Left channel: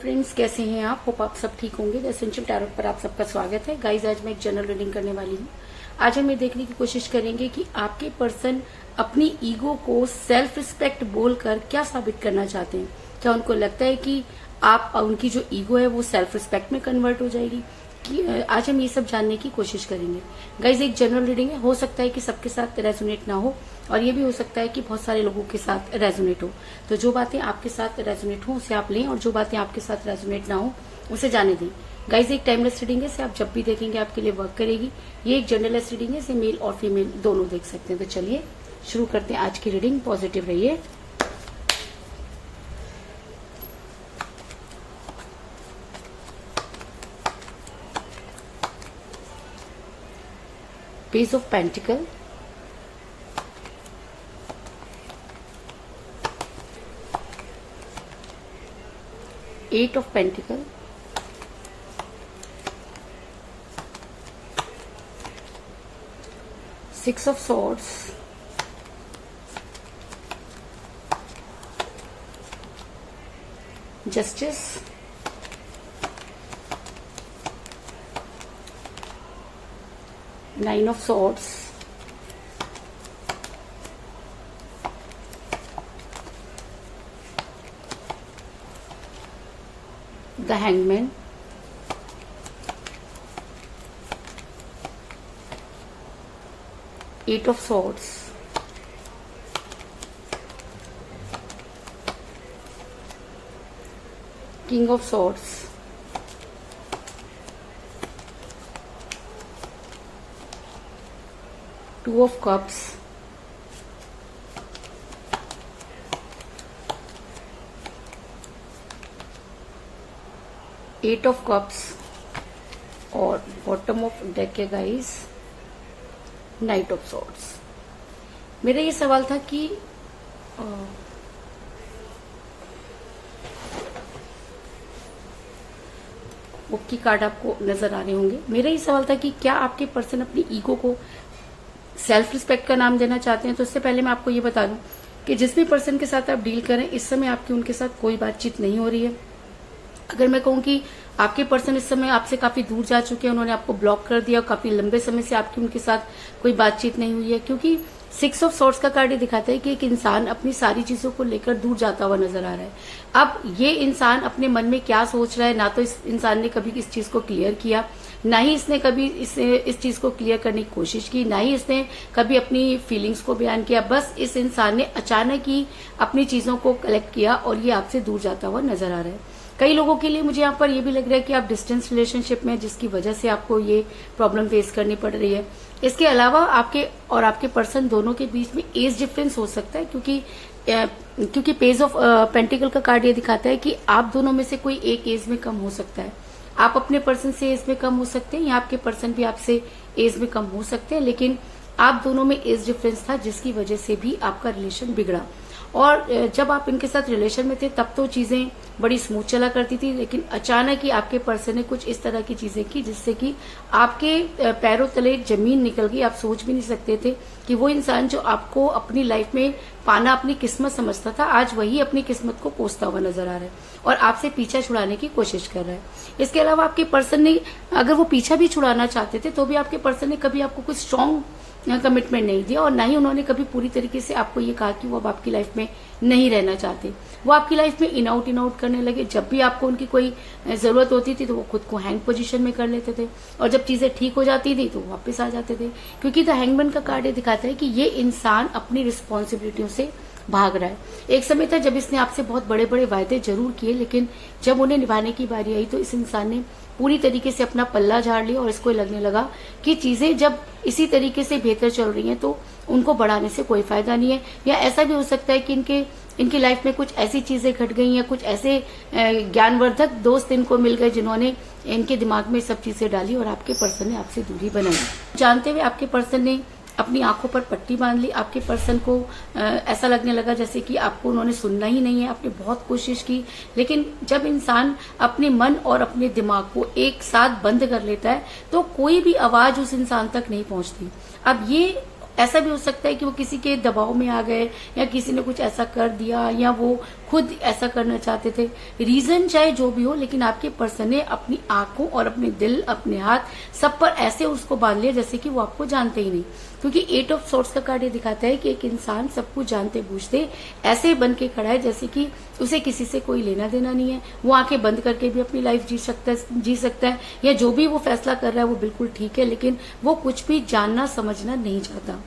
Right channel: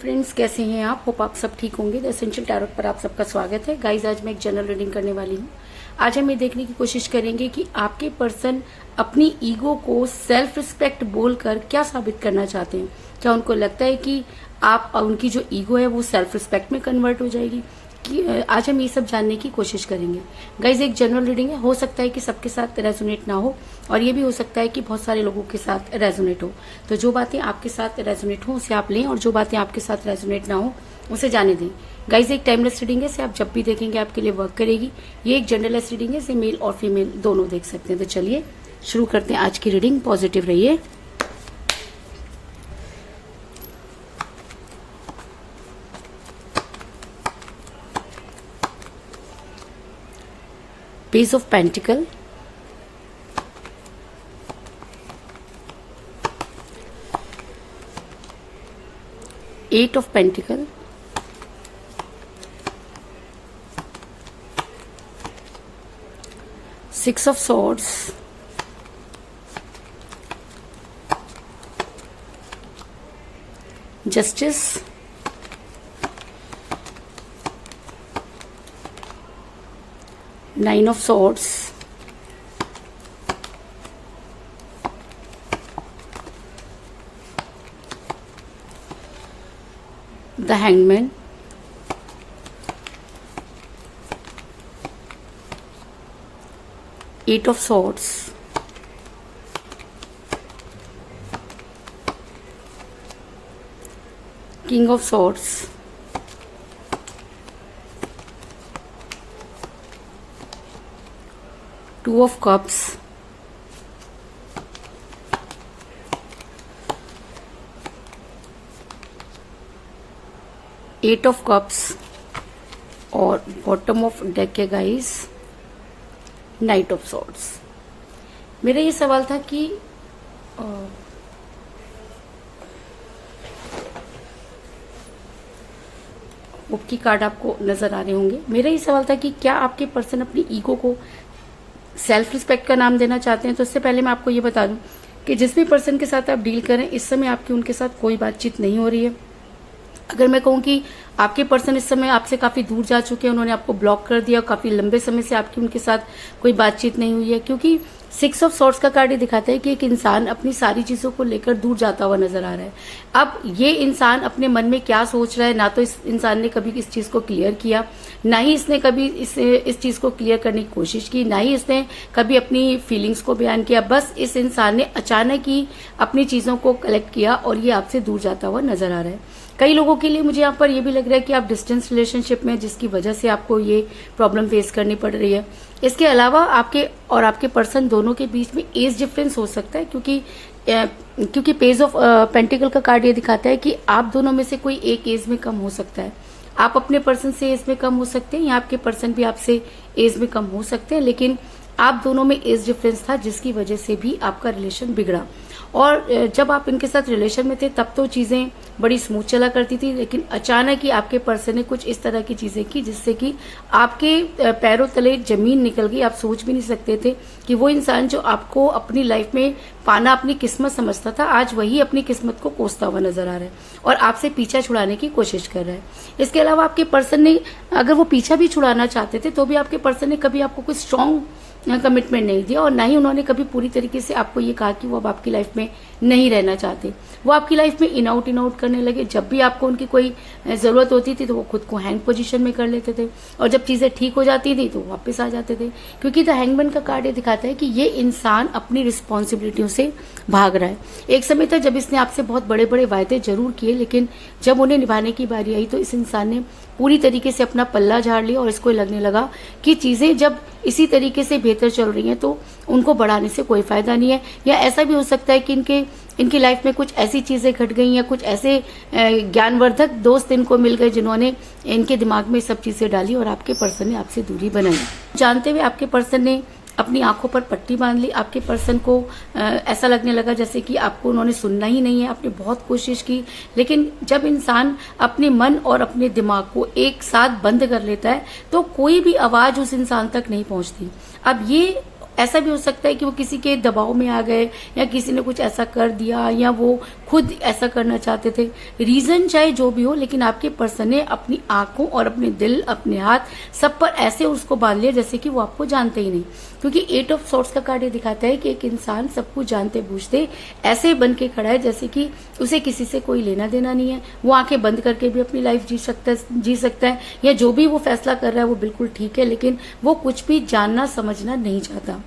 Friends, कैसे हैं आप? होप आप सब ठीक होंगे। द एसेंशियल टैरोट पर आप सबका स्वागत है। गाइज, आज मैं एक जनरल रीडिंग करने वाली हूँ। आज हम ये देखने की कोशिश करेंगे कि आपके पर्सन अपनी ईगो को सेल्फ रिस्पेक्ट बोलकर क्या साबित करना चाहते हैं। क्या उनको लगता है कि आप उनकी जो ईगो है वो सेल्फ रिस्पेक्ट में कन्वर्ट हो जाएगी? आज हम ये सब जानने की कोशिश करेंगे। गाइज, एक जनरल रीडिंग है, हो सकता है कि सबके साथ रेजोनेट ना हो और ये भी हो सकता है कि बहुत सारे लोगों के साथ रेजोनेट हो। तो जो बातें आपके साथ रेजोनेट हो उसे आप लें और जो बातें आपके साथ रेजोनेट ना हो उसे जाने दें। गाइज, एक टाइमलेस रीडिंग है, इसे आप जब भी देखेंगे आपके लिए वर्क करेगी। ये एक जनरलेस रीडिंग है, इसे मेल और फीमेल दोनों देख सकते हैं। तो चलिए शुरू करते हैं आज की रीडिंग। पॉजिटिव रहिए। Page of Pentacle, Eight of Pentacle, Six of Swords, Justice, Nine of Swords, the Hangman, Eight of Swords, King of Swords, Two of Cups, Eight of Cups और बॉटम ऑफ डेक है guys, night of swords. मेरा ये सवाल था कि book की card आपको नजर आ रहे होंगे। मेरा ये सवाल था कि क्या आपके पर्सन अपनी ईगो को सेल्फ रिस्पेक्ट का नाम देना चाहते हैं। तो इससे पहले मैं आपको ये बता दूं कि जिस भी पर्सन के साथ आप डील करें, इस समय आपकी उनके साथ कोई बातचीत नहीं हो रही है। अगर मैं कहूं कि आपके पर्सन इस समय आपसे काफी दूर जा चुके हैं, उन्होंने आपको ब्लॉक कर दिया और काफी लंबे समय से आपकी उनके साथ कोई बातचीत नहीं हुई है, क्योंकि सिक्स ऑफ सॉर्ड्स का कार्ड ये दिखाता है कि एक इंसान अपनी सारी चीजों को लेकर दूर जाता हुआ नजर आ रहा है। अब ये इंसान अपने मन में क्या सोच रहा है, ना तो इस इंसान ने कभी इस चीज को क्लियर किया, ना ही इसने कभी इस चीज को क्लियर करने की कोशिश की, ना ही इसने कभी अपनी फीलिंग्स को बयान किया। बस इस इंसान ने अचानक ही अपनी चीजों को कलेक्ट किया और ये आपसे दूर जाता हुआ नजर आ रहा है। कई लोगों के लिए मुझे यहाँ पर ये भी लग रहा है कि आप डिस्टेंस रिलेशनशिप में, जिसकी वजह से आपको ये प्रॉब्लम फेस करनी पड़ रही है। इसके अलावा आपके पर्सन दोनों के बीच में एज डिफरेंस हो सकता है, क्योंकि पेज ऑफ पेंटिकल का कार्ड ये दिखाता है कि आप दोनों में से कोई एक एज में कम हो सकता है। आप अपने पर्सन से एज में कम हो सकते हैं या आपके पर्सन भी आपसे एज में कम हो सकते हैं, लेकिन आप दोनों में एज डिफरेंस था जिसकी वजह से भी आपका रिलेशन बिगड़ा। और जब आप इनके साथ रिलेशन में थे तब तो चीजें बड़ी स्मूथ चला करती थी, लेकिन अचानक ही आपके पर्सन ने कुछ इस तरह की चीजें की जिससे कि आपके पैरों तले जमीन निकल गई। आप सोच भी नहीं सकते थे कि वो इंसान जो आपको अपनी लाइफ में पाना अपनी किस्मत समझता था, आज वही अपनी किस्मत को कोसता हुआ नजर आ रहा है और आपसे पीछा छुड़ाने की कोशिश कर रहा है। इसके अलावा आपके पर्सन ने, अगर वो पीछा भी छुड़ाना चाहते थे तो भी आपके पर्सन ने कभी आपको कुछ स्ट्रांग कमिटमेंट नहीं दिया और ना ही उन्होंने कभी पूरी तरीके से आपको ये कहा कि वो अब आपकी लाइफ में नहीं रहना चाहते। वो आपकी लाइफ में इन आउट करने लगे। जब भी आपको उनकी कोई जरूरत होती थी तो वो खुद को हैंग पोजीशन में कर लेते थे और जब चीजें ठीक हो जाती थी तो वापस आ जाते थे, क्योंकि द हैंगमैन का कार्ड ये दिखाता है कि ये इंसान अपनी रिस्पॉन्सिबिलिटियों से भाग रहा है। एक समय था जब इसने आपसे बहुत बड़े बड़े वायदे जरूर किए, लेकिन जब उन्हें निभाने की बारी आई तो इस इंसान ने पूरी तरीके से अपना पल्ला झाड़ लिया और इसको लगने लगा कि चीजें जब इसी तरीके से बेहतर चल रही हैं तो उनको बढ़ाने से कोई फायदा नहीं है। या ऐसा भी हो सकता है कि इनकी लाइफ में कुछ ऐसी चीजें घट गई या कुछ ऐसे ज्ञानवर्धक दोस्त इनको मिल गए जिन्होंने इनके दिमाग में सब चीजें डाली और आपके पर्सन ने आपसे दूरी बनाई। जानते हुए आपके पर्सन ने अपनी आंखों पर पट्टी बांध ली। आपके पर्सन को ऐसा लगने लगा जैसे कि आपको उन्होंने सुनना ही नहीं है। आपने बहुत कोशिश की, लेकिन जब इंसान अपने मन और अपने दिमाग को एक साथ बंद कर लेता है तो कोई भी आवाज उस इंसान तक नहीं पहुंचती। अब ये ऐसा भी हो सकता है कि वो किसी के दबाव में आ गए, या किसी ने कुछ ऐसा कर दिया, या वो खुद ऐसा करना चाहते थे। रीजन चाहे जो भी हो, लेकिन आपके पर्सन ने अपनी आंखों और अपने दिल, अपने हाथ सब पर ऐसे उसको बांध लिया जैसे कि वो आपको जानते ही नहीं। क्योंकि 8 ऑफ सॉर्ड्स का कार्ड ये दिखाता है कि एक इंसान सब कुछ जानते बूझते ऐसे बन के खड़ा है जैसे कि उसे किसी से कोई लेना देना नहीं है। वो आंखें बंद करके भी अपनी लाइफ जी सकता है, या जो भी वो फैसला कर रहा है वो बिल्कुल ठीक है, लेकिन वो कुछ भी जानना समझना नहीं चाहता।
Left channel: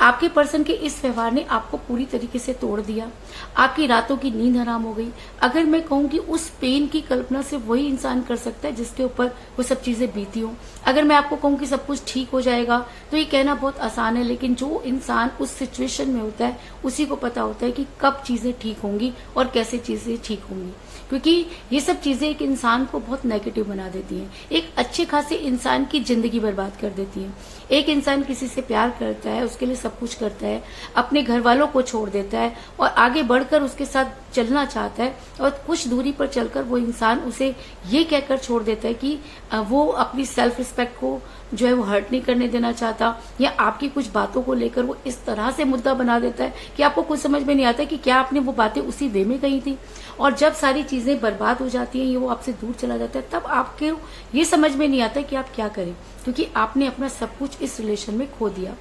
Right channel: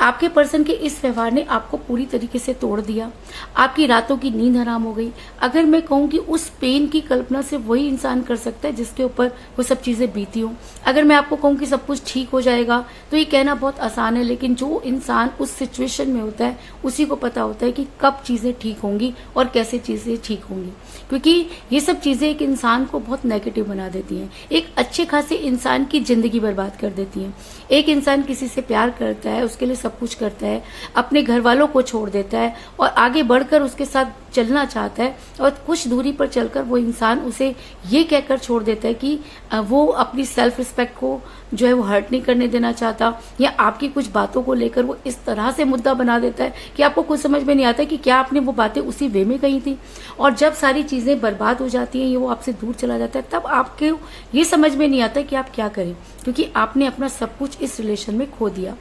आपके पर्सन के इस व्यवहार ने आपको पूरी तरीके से तोड़ दिया। आपकी रातों की नींद हराम हो गई। अगर मैं कहूं कि उस पेन की कल्पना सिर्फ वही इंसान कर सकता है जिसके ऊपर वो सब चीजें बीती हों। अगर मैं आपको कहूं कि सब कुछ ठीक हो जाएगा तो ये कहना बहुत आसान है, लेकिन जो इंसान उस सिचुएशन में होता है उसी को पता होता है कि कब चीजें ठीक होंगी और कैसे चीजें ठीक होंगी। क्योंकि ये सब चीजें एक इंसान को बहुत नेगेटिव बना देती हैं, एक अच्छे खासे इंसान की जिंदगी बर्बाद कर देती हैं। एक इंसान किसी से प्यार करता है, उसके लिए सब कुछ करता है, अपने घर वालों को छोड़ देता है और आगे बढ़कर उसके साथ चलना चाहता है, और कुछ दूरी पर चलकर वो इंसान उसे ये कहकर छोड़ देता है कि वो अपनी सेल्फ रिस्पेक्ट को जो है वो हर्ट नहीं करने देना चाहता, या आपकी कुछ बातों को लेकर वो इस तरह से मुद्दा बना देता है कि आपको कुछ समझ में नहीं आता कि क्या आपने वो बातें उसी वे में कही थी। और जब सारी चीजें बर्बाद हो जाती हैं, ये वो आपसे दूर चला जाता है, तब आपके ये समझ में नहीं आता कि आप क्या करें, क्योंकि आपने अपना सब कुछ इस रिलेशन में खो दिया।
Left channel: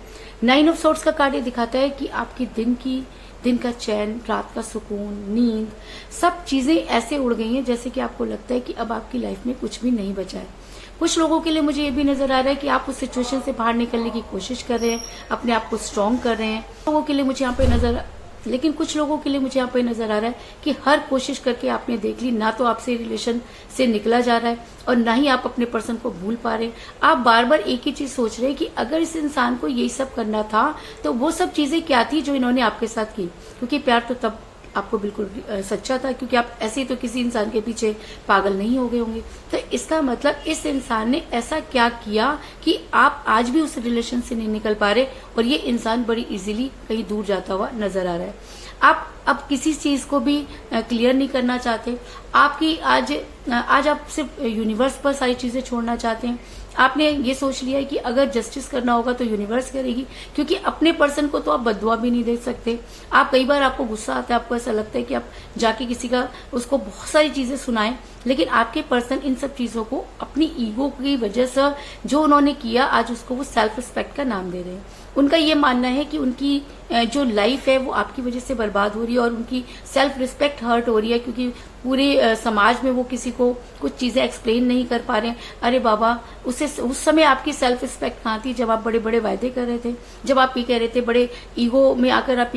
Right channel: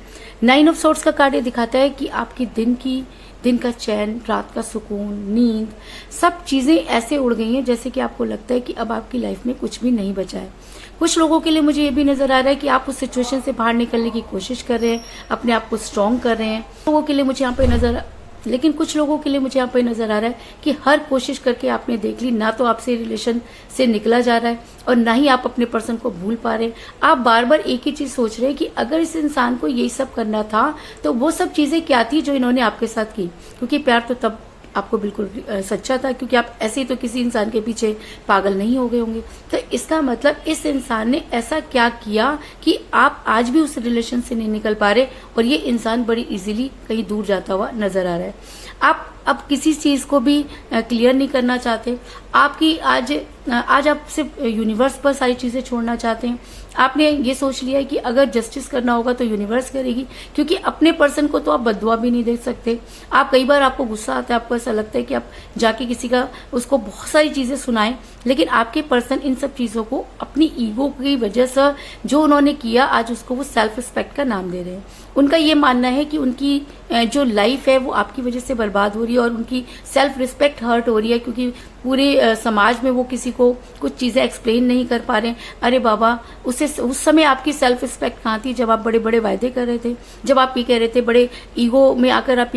9 ऑफ सॉर्ड्स का कार्ड दिखाता है कि आपकी दिन का चैन, रात का सुकून, नींद, सब चीजें ऐसे उड़ गई हैं जैसे कि आपको लगता है कि अब आपकी लाइफ में कुछ भी नहीं बचा है। कुछ लोगों के लिए मुझे ये भी नजर आ रहा है कि आप उस सिचुएशन से बाहर निकलने की कोशिश कर रहे हैं, अपने आप को स्ट्रांग कर रहे हैं। लोगों के लिए मुझे यहाँ पे लेकिन कुछ लोगों के लिए मुझे यहाँ पे नजर आ रहा है कि हर कोशिश करके आपने देख ली, ना तो आपसे रिलेशन से निकला जा रहा है और ना ही आप अपने पर्सन को भूल पा रहे हैं। आप बार बार एक ही चीज सोच रहे हैं कि अगर इस इंसान को यही सब करना था तो वो सब चीजें क्या थी जो इन्होंने आपके साथ की। क्योंकि प्यार तो तब आपको बिल्कुल सच्चा था, क्योंकि आप ऐसे ही तो किसी इंसान के पीछे पागल नहीं हो गए होंगे। तो इसका मतलब इस इंसान ने ऐसा क्या किया कि आप आज भी उस रिलेशन से नहीं निकल पा रहे, और ये इंसान बड़ी इजीली कहीं दूर जाता हुआ नजर आ रहा है। आप अब किसी चीज को भी क्लियर नहीं करना चाहते। आपकी आज आप सिर्फ यूनिवर्स पर सारी चीजें छोड़ना चाहते हैं। आपने ये सोच लिया कि अगर जस्टिस करना होगा तो यूनिवर्स करेगी, क्योंकि अपने पर्सन को तो आप बददुआ भी नहीं दे सकते। आप कई बार आपको गुस्सा आता है, आपको ऐसा लगता है कि आप जाके किसी का उसको बहुत सारी चीजें सुनाएं, लेकिन आपके पर्सन इन सब चीजों को अपनी ईगो की वजह से जो उन्होंने किया, आज उसको वो सेल्फ रिस्पेक्ट का नाम दे रहे हैं। उनका ये मानना है कि उनकी जो लाइफ है वो आपकी वजह से बर्बाद हो रही है और उनकी सेल्फ रिस्पेक्ट हर्ट हो रही है, क्योंकि पूरे समाज में वो किसी को कुछ चीजें एक्सप्लेन नहीं कर पा रहे हैं। अरे बाबा, उस समय आपकी सेल्फ रिस्पेक्ट कहाँ थी जब आप बड़े बड़े वायदे कर रहे थे, जब आप ये कह रहे थे, बड़े ईगो में आकर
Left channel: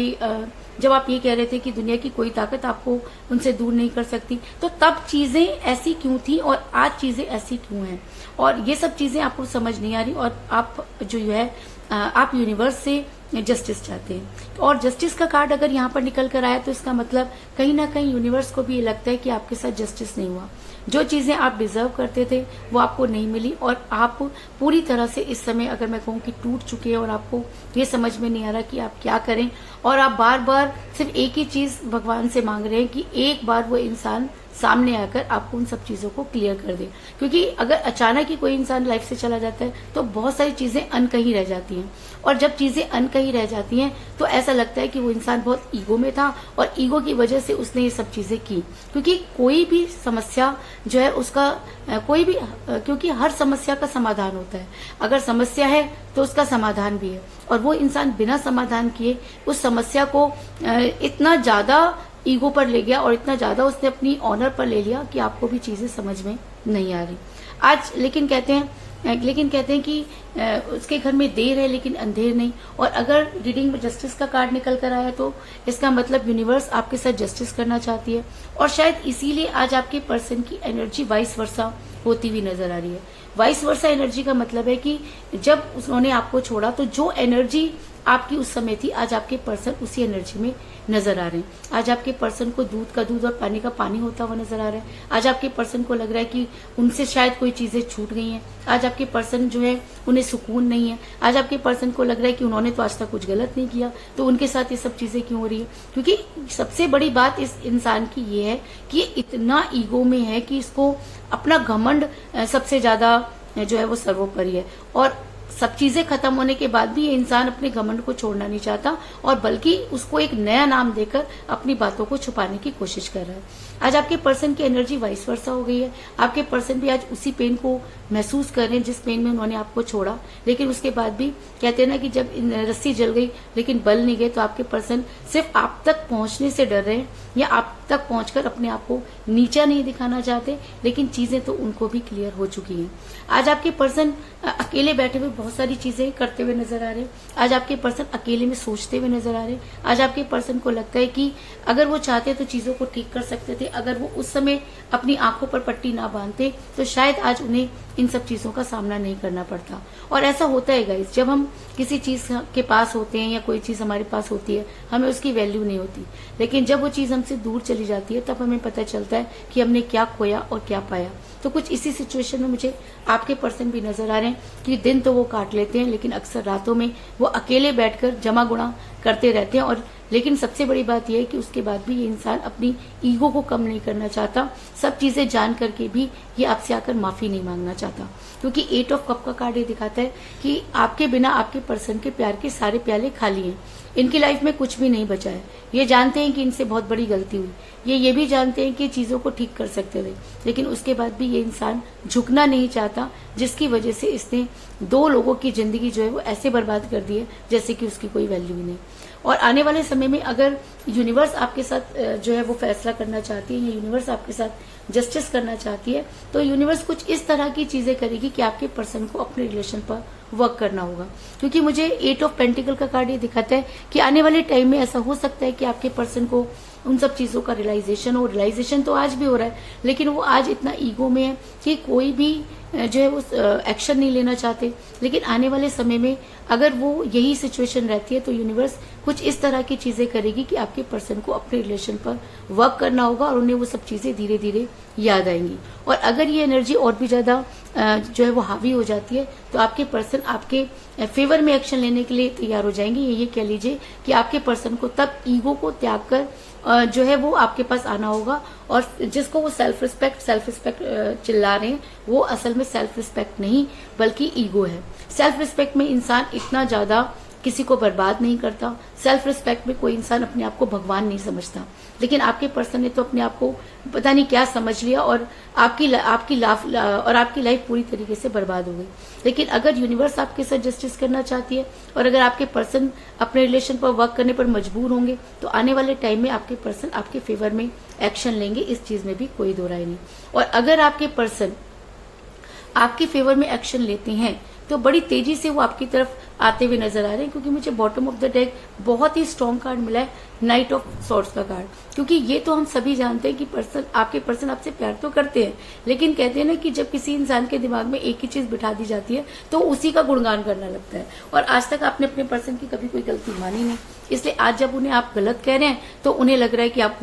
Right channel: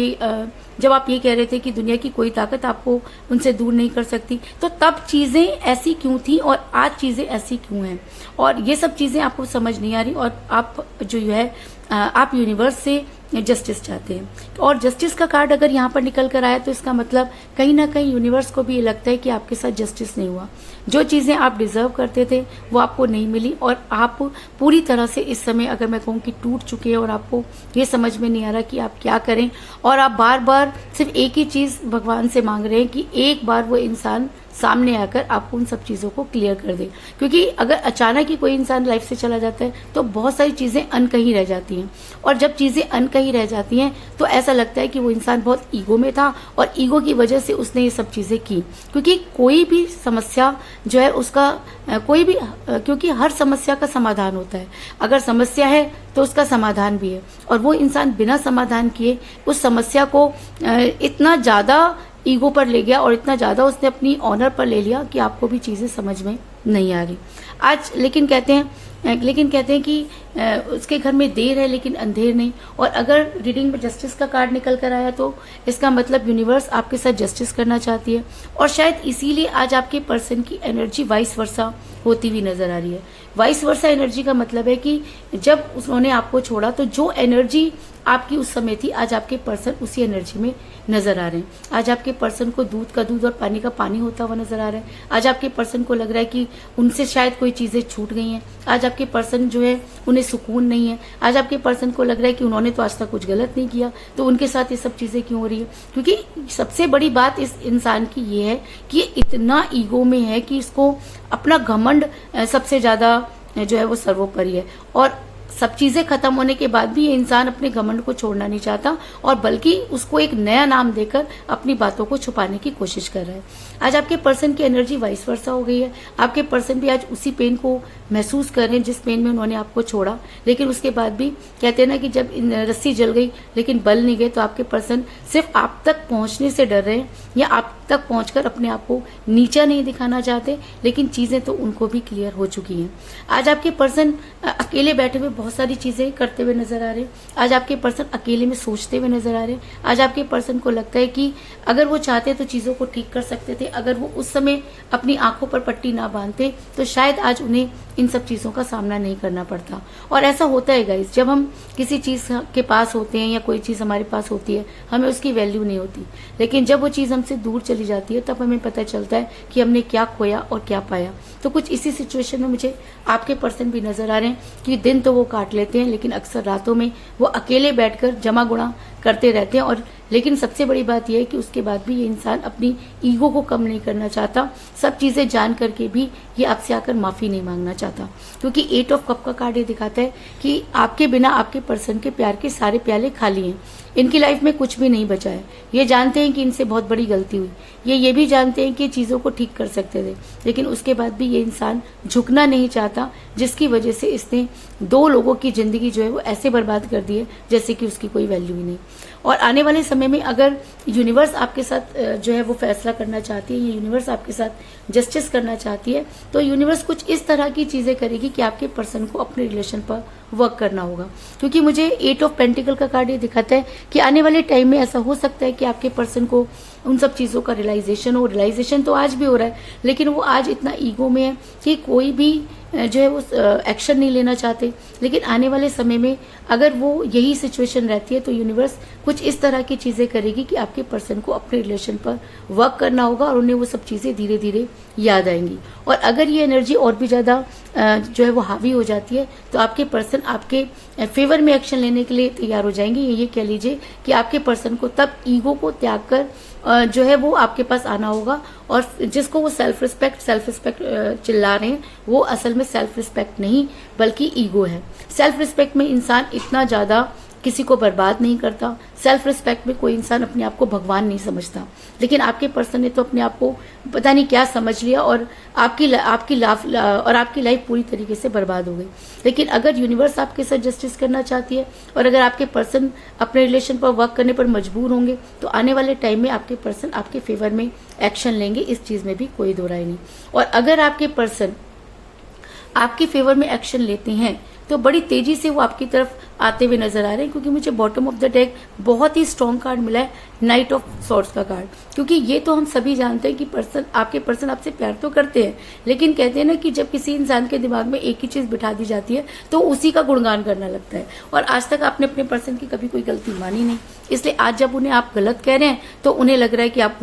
जब आप ये कह रहे थे कि दुनिया की कोई ताकत आपको उनसे दूर नहीं कर सकती। तो तब चीजें ऐसी क्यों थी और आज चीजें ऐसी क्यों हैं, और ये सब चीजें आपको समझ नहीं आ रही, और आप जो है आप यूनिवर्स से जस्टिस चाहते हैं। और जस्टिस का कार्ड अगर यहाँ पर निकल कर आया तो इसका मतलब कहीं ना कहीं यूनिवर्स को भी ये लगता है कि आपके साथ जस्टिस नहीं हुआ। जो चीजें आप डिजर्व करते थे वो आपको नहीं मिली, और आप पूरी तरह से इस समय अगर मैं कहूँ कि टूट चुके हैं, और आपको ये समझ में नहीं आ रहा कि आप क्या करें, और आप बार बार सिर्फ एक ही चीज भगवान से मांग रहे हैं कि एक बार वो इंसान सामने आकर आपको उन सब चीजों को क्लियर कर दे। क्योंकि अगर अचानक ही कोई इंसान लाइफ से चला जाता है तो बहुत सारी चीजें अनकही रह जाती हैं, और जब चीजें अनकही रह जाती हैं तो ऐसा लगता है कि वो इंसान बहुत ईगो में था और ईगो की वजह से उसने ये सब चीजें की। क्योंकि कोई भी समस्या जो है उसका क्योंकि हर समस्या का समाधान होता है। अगर समस्या है तो उसका समाधान भी है, और वो इंसान बिना समाधान किए उस समस्या को इतना ज्यादा ईगो पर ले गया और इतना ज्यादा उसने अपनी ऑनर पर ले लिया कि आपको भी चीजें समझ में नहीं आ रही आज। लेकिन कहते हैं कि उसके घर में देर है लेकिन अंधेर नहीं। और अगर रीडिंग में जस्टिस का कार्ड निकल कर आया तो इसका मतलब यूनिवर्स आपके साथ जस्टिस करना चाहती है, और शायद इसीलिए आज आपके पर्सन की एनर्जी वाइस वर्सा होती हुई नजर आ रही है। वाइस वर्सा एनर्जी का मतलब है कि जब उन्होंने आपको छोड़ा तो जो एनर्जी आपकी उस समय थी, आज आपके पर्सन उसी एनर्जी में नजर आ रहे हैं। आज आपके पर्सन को दूध का दूध और पानी का पानी होता हुआ नजर आ रहा है। आज आपके पर्सन को लग रहा है कि उनसे शायद कोई चीजें छूट गई हैं। आज आपके पर्सन जो है उन्हें सुकून नहीं है। आज आपके पर्सन को लग रहा है कि उन्होंने तो आज तक कुछ गलत नहीं किया, तो उनके साथ ये सब चीजें क्यों हो रही है। क्योंकि सबसे बड़ी बात इस इंसान की ये है कि ये इतना ईगो में है कि इसको अपना घमंड सबसे ज्यादा जो है वो सर्वोपरि है, और सब चीजें खत्म होने के बाद भी ये इंसान अपने घमंड को छोड़ना नहीं चाहता और बल्कि उसको एक नया नाम देकर अपनी बातों को छुपाने की कोशिश कर रहा है। आज आपके पर्सन की एनर्जी वाइस वर्सा हो गई है। आपके पर्सन भी आज उसी पेन को महसूस कर रहे हैं जिस पेन में उन्होंने आपको छोड़ा, लेकिन उसके बाद भी कहते हैं ना कि जब रस्सी जल गई लेकिन बल नहीं गए, तो आपके पर्सन सिर्फ आप तक पहुंचने से डर रहे हैं या आप तक पहुंचकर अपने आप को नीचा नहीं दिखाना चाहते, लेकिन चीजें तो उनको भी क्लियर हो चुकी हैं। आज आपके पर्सन अकेले बैठे हुए बहुत सारी चीजें करते हुए नजर आ रहे हैं। आज आपके पर्सन अकेले में सोचते हुए नजर आ रहे हैं। आज आपके पर्सन को लगता है कि अगर वो चाहते तो चीजों को ठीक कर सकते थे, अगर वो उस समय अपनी आंखों पर पट्टी ना बांधते तो शायद आज उन्हें इन सब चीजों का सामना नहीं करना पड़ता। और ऐसा होता है गाइस, जब हम किसी चीज के पास होते हैं या कोई चीज हमारे पास होती है, हमें उसकी वैल्यू नहीं होती, लेकिन जब वो चीज हमसे दूर चली जाती है तब हमें पता चलता है कि हमने क्या खोया और क्या पाया। तो कुछ इसी सिचुएशन में मुझे आपके पर्सन भी नजर आ रहे हैं कि दिन तो वो काट लेते हैं, लेकिन अक्सर रातों में वो अकेले बैठकर जमा गुणा करते रहते हैं। और लेकिन सबसे बड़ी बात यह है कि उसके बाद भी ये इंसान अपनी ईगो को कम नहीं करना चाहता। सब चीजें जान करके भी ये आपसे आकर माफी नहीं मांगना चाहता, क्योंकि 8 ऑफ कप का कार्ड ये दिखाता है कि आपके बिना आपके पर्सन के प्यार के सारे प्याले खाली हैं। इनकी लाइफ में कुछ भी नहीं बचा है। ये जानते हैं कि इनसे बहुत बड़ी गलती हुई, ये भी जानते हैं कि चीजों को ठीक कर सकते थे, लेकिन उसके बाद भी ये इंसान झुकना नहीं चाहता, जिसकी वजह से इसने 2 लोगों की जिंदगी जो है वो ऐसे बर्बाद कर दी है जैसे कि उसकी कोई वैल्यू ही नहीं। और आने वाले समय में अगर यूनिवर्स आपके साथ जो है वो फैसला करना चाहती है, यूनिवर्स आपके साथ जस्टिस करना चाहती है, तो यूनिवर्स कुछ इस तरह की चीजें करेगी कि आपके पर्सन को अपने रिलेशन पर वर्क करना होगा। क्योंकि मुझे 8 ऑफ पेंटिकल का कार्ड ये दिखाता है कि आने वाले टाइम में ऐसा हो सकता है कि आपके पर्सन को उन सब चीजों का रियलाइजेशन हो। रियलाइजेशन तो आज भी हो रहा है, लेकिन वो आज इतना ईगो में है कि कोई भी जो है वो एक्शन नहीं लेना चाहते। लेकिन आने वाले समय में अगर वो यही सिचुएशन रहती है तो यूनिवर्स कुछ इस तरह की चीजें करेगी कि आपके पर्सन को अपने रिलेशन पर वर्क करना होगा और उन्हें वो सब चीजें धीरे धीरे याद आएंगी। और अगर ये एनर्जी और भी ज्यादा जो है वो हावी हो जाती है तो आपके पर्सन आपके फेवर में एक्शन लेने के लिए तैयार हो जाएंगे। ये कह लीजिए कि आपके पर्सन को तब ईगो को त्याग कर जो है वो आपके पास आना होगा। और जिसको वो सेल्फ रिस्पेक्ट चिल्ला रहे हैं, वो असल में सेल्फ रिस्पेक्ट नहीं बल्कि ईगो है। सेल्फ रिस्पेक्ट में इंसान इतना ज्यादा किसी को बर्बाद नहीं करता। सेल्फ रिस्पेक्ट में कोई इंसान अपने आप को भगवान नहीं समझता, लेकिन आपके पर्सन ने तो अपने आप को पता नहीं क्या समझ लिया और आपकी लाइफ पूरी तरीके से बर्बाद हो गई। लेकिन अगर यूनिवर्स आपके साथ जस्टिस करना चाहती है और अगर आपके पर्सन अपने रिलेशन पर वर्क करने पर मजबूर होंगे तो आने वाले टाइम में आपके पर्सन आपके फेवर में एक्शन लेंगे, इस चीज में भी कोई दो राय नहीं। और अगर आपके पर्सन आपके फेवर में एक्शन लेते हैं तो बड़ी तेजी से वो आपकी तरफ आते हुए नजर आ रहे हैं, क्योंकि मुझे बॉटम ऑफ द डेक बहुत ही स्ट्रॉन्ग कार्ड मिला है, नाइट ऑफ सॉर्ड्स का कार्ड। क्योंकि ये तो हम सभी जानते हैं कि आपके पर्सन आपसे प्यार तो करते हैं, लेकिन कहते हैं ना कि जब किसी इंसान के दिमाग में एक ही चीज बिठा दी जाती है तो उसी का गुणगान करना लगता है। और आज तक आपने अपने पर्सन की कभी कोई गलती मानी नहीं, इसलिए आज जब उन्हें आप गलत कह रहे हैं तो उन्हें लग रहा है कि आप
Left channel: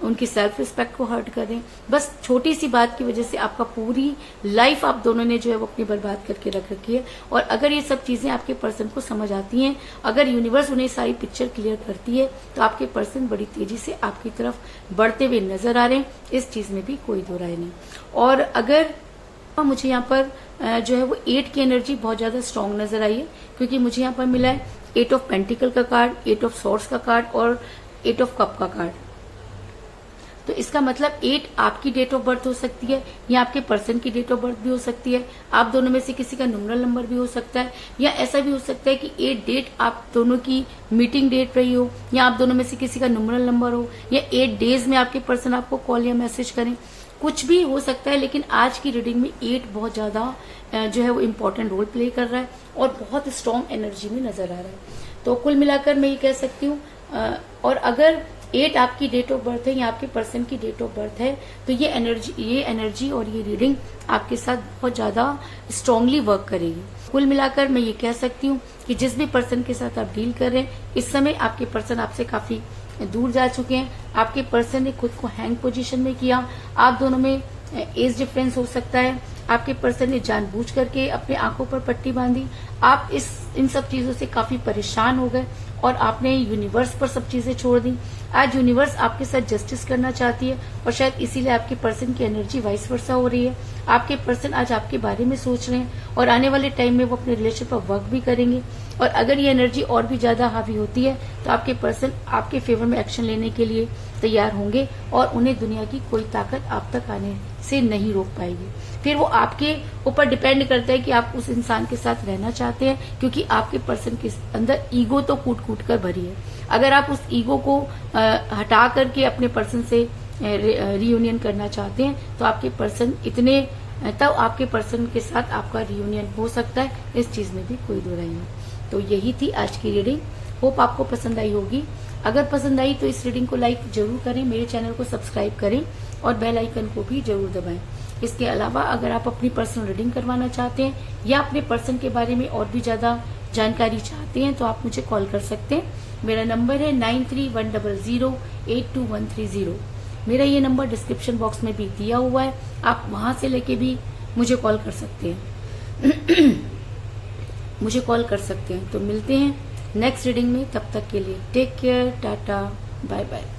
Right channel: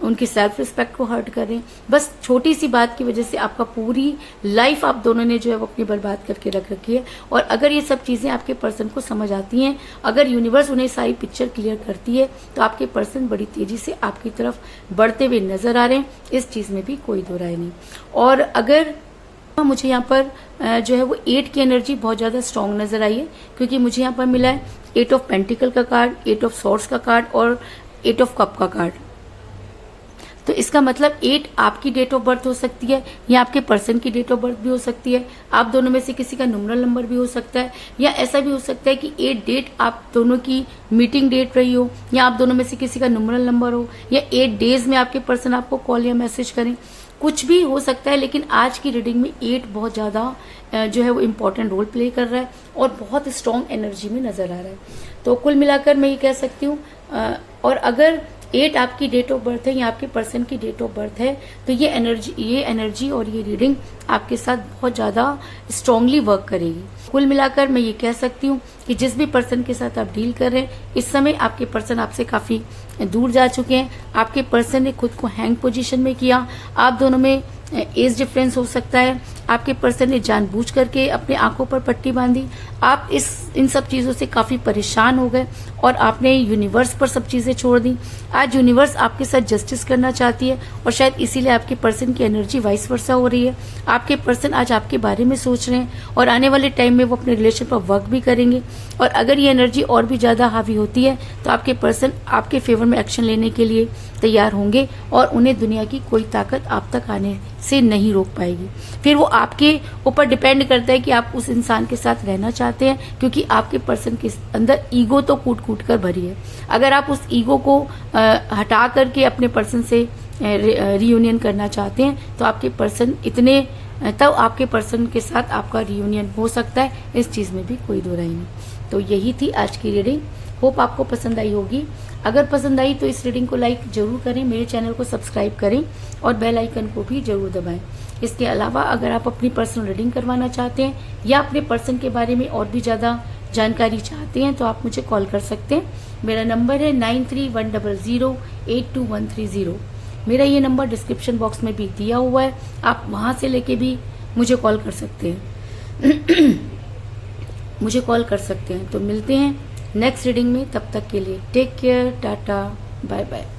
उनकी सेल्फ रिस्पेक्ट को हर्ट कर रहे हैं। बस छोटी सी बात की वजह से आपका पूरी लाइफ आप दोनों ने जो है वो अपनी बर्बाद करके रख रखी है। और अगर ये सब चीजें आपके पर्सन को समझ आती हैं, अगर यूनिवर्स उन्हें सारी पिक्चर क्लियर करती है, तो आपके पर्सन बड़ी तेजी से आपकी तरफ बढ़ते हुए नजर आ रहे हैं, इस चीज में भी कोई दो राय नहीं। और अगर मुझे यहाँ पर जो है वो 8 की एनर्जी बहुत ज्यादा स्ट्रांग नजर आई है, क्योंकि मुझे यहाँ पर मिला है 8 ऑफ पेंटिकल का कार्ड, 8 ऑफ सॉर्ड्स का कार्ड और 8 ऑफ कप का कार्ड। तो इसका मतलब 8 आपकी डेट ऑफ बर्थ हो सकती है या आपके पर्सन की डेट ऑफ बर्थ भी हो सकती है। आप दोनों में से किसी का न्यूमरल नंबर भी हो सकता है, या ऐसा भी हो सकता है कि 8 डेट आप दोनों की मीटिंग डेट रही हो, या आप दोनों में से किसी का न्यूमरल नंबर हो, या 8 डेज में आपके पर्सन आपको कॉल या मैसेज करें, कुछ भी हो सकता है। लेकिन आज की रीडिंग में 8 बहुत ज्यादा जो है वो इम्पोर्टेंट रोल प्ले कर रहा है और बहुत स्ट्रांग एनर्जी में नजर आ रहा है। तो कुल मिलाकर मैं ये कह सकती हूँ, और अगर 8 आपकी डेट ऑफ बर्थ है या आपके पर्सन की डेट ऑफ बर्थ है तो ये एनर्जी और ये रीडिंग आपके साथ बहुत ज्यादा स्ट्रांगली वर्क करेगी। कुल मिलाकर मैं ये कह सकती हूँ कि जिस भी पर्सन के साथ आप डील कर रहे हैं, इस समय आपके पर्सन आपसे काफी दूर जा चुके हैं। आपके पर्सन ने खुद को हैंग पोजीशन में किया। आप दोनों में एज डिफरेंस हो सकता है, आपके पर्सन ने जानबूझ करके अपने आंखों पर पट्टी बांधी, आप इन सब चीजों से काफी परेशान हो गए और आपने यूनिवर्स पर सब चीजें छोड़ दी। आज यूनिवर्स आपके साथ जस्टिस करना चाहती है और शायद इसीलिए आपके पर्सन की एनर्जी वाइस वर्सा हो रही है। आपके पर्सन आज आपके बारे में सोच रहे हैं और आने वाले टाइम में वो अपने रिलेशन पर वर्क भी करेंगे। और अगर ये एनर्जी और भी ज्यादा हावी होती है तो आपके पर्सन आपके फेवर में एक्शन लेने के लिए तैयार होंगे और उन्हें दुनिया की कोई ताकत आप तक आने से नहीं रोक पाएगी। फिर वो आपके ऊपर डिपेंड करता है कि आप उस इंसान के साथ रहना चाहते हैं, क्योंकि आपके पर्सन के अंदर ईगो तो कूट कूट कर भरी है। अगर आप उस ईगो को हटा करके अपने पर्सन से रियूनियन करना चाहते हैं तो आपके पर्सन तब आपके पर्सन के साथ आपका रियूनियन हो सकता है, इस चीज में भी कोई दो राय नहीं। तो यही थी आज की रीडिंग। होप आपको पसंद आई होगी। अगर पसंद आई तो इस रीडिंग को लाइक जरूर करें, मेरे चैनल को सब्सक्राइब करें और बेल आइकन को भी जरूर दबाएं। इसके अलावा अगर आप अपनी पर्सनल रीडिंग करवाना चाहते हैं या अपने पर्सन के बारे में और भी ज्यादा जानकारी चाहते हैं तो आप मुझे कॉल कर सकते हैं। मेरा नंबर है 9310082130। मेरा ये नंबर डिस्क्रिप्शन बॉक्स में भी दिया हुआ है, आप वहां से लेके भी मुझे कॉल कर सकते हैं। मुझे कॉल कर सकते हैं। तो मिलते हैं नेक्स्ट रीडिंग में, तब तक के लिए take care, tata, bye bye.